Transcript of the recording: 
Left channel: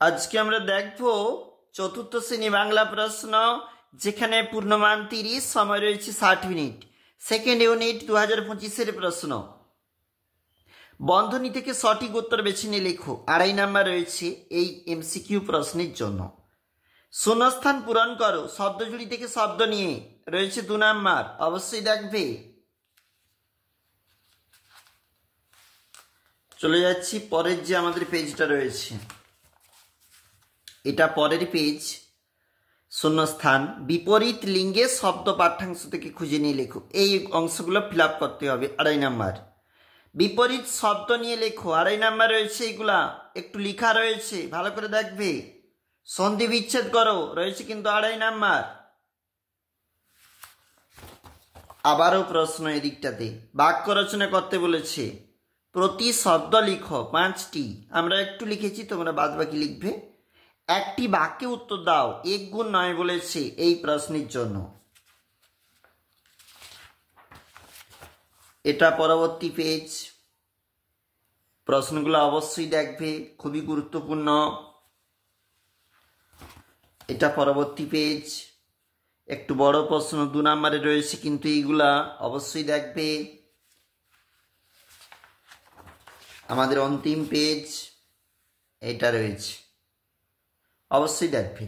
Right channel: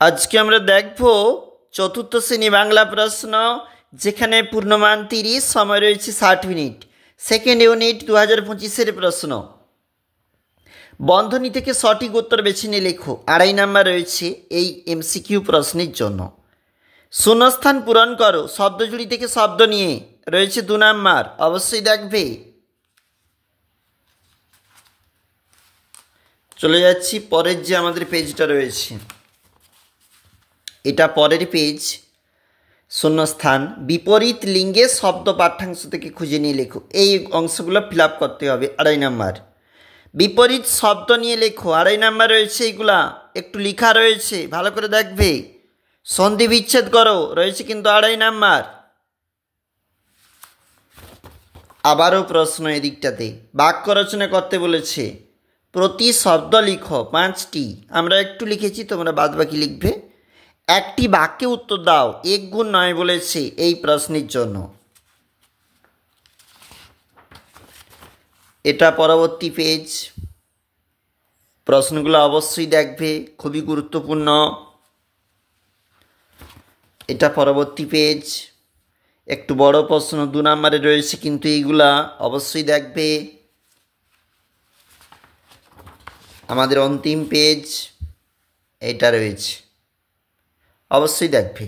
আজকে আমরা দেখব চতুর্থ শ্রেণী বাংলা প্রশ্ন, যেখানে পূর্ণমান 30, সময় রয়েছে 60 মিনিট। সেকেন্ড ইউনিট 2025-এর প্রশ্ন। বন্ধনী থেকে সঠিক উত্তর বেছে নিয়ে লেখো। 2.5 নাম্বার রয়েছে এই এমসিকিউ প্রশ্নের জন্য। শূন্যস্থান পূরণ করো। শব্দজুড়ি থেকে শব্দ নিয়ে রয়েছে 2 নাম্বার, অবশ্যই দেখবে। চলে যাচ্ছি পরের যে আমাদের পেজটা রয়েছে, এটা পরের পেজ। শূন্যস্থান বিপরীত লিঙ্গের শব্দ পাঠ্যাংশ থেকে খুঁজে নিয়ে লেখো। এই অংশগুলো ফিল আপ করতে হবে। 2.5 নাম্বার বিপরীত শব্দ নিয়ে লেখো। 2.5 নাম্বার রয়েছে, এইগুলা একটু লেখা রয়েছে, ভালো করে দেখবে। সন্ধি বিচ্ছেদ করো রয়েছে কিন্তু 2.5 নাম্বার। আবারও প্রশ্ন এদিকটাতে বাক্য রচনা করতে বলেছে। প্রতি শব্দ লিখো 5টি। আমরা একটু লিখেছি, তোমরা বাদ বাকি লিখবে। একটি বাক্যে উত্তর দাও। 1 গুণ 9 বলেছে এই প্রশ্নের জন্য। এটা পরবর্তী পেজ। প্রশ্নগুলো অবশ্যই দেখবে, খুবই গুরুত্বপূর্ণ। এটা পরবর্তী পেজ। একটু বড় প্রশ্ন 2 নম্বরে রয়েছে, কিন্তু এইগুলা অবশ্যই দেখবে। আমাদের অন্তিম পেজ এটা রয়েছে, অবশ্যই দেখবে।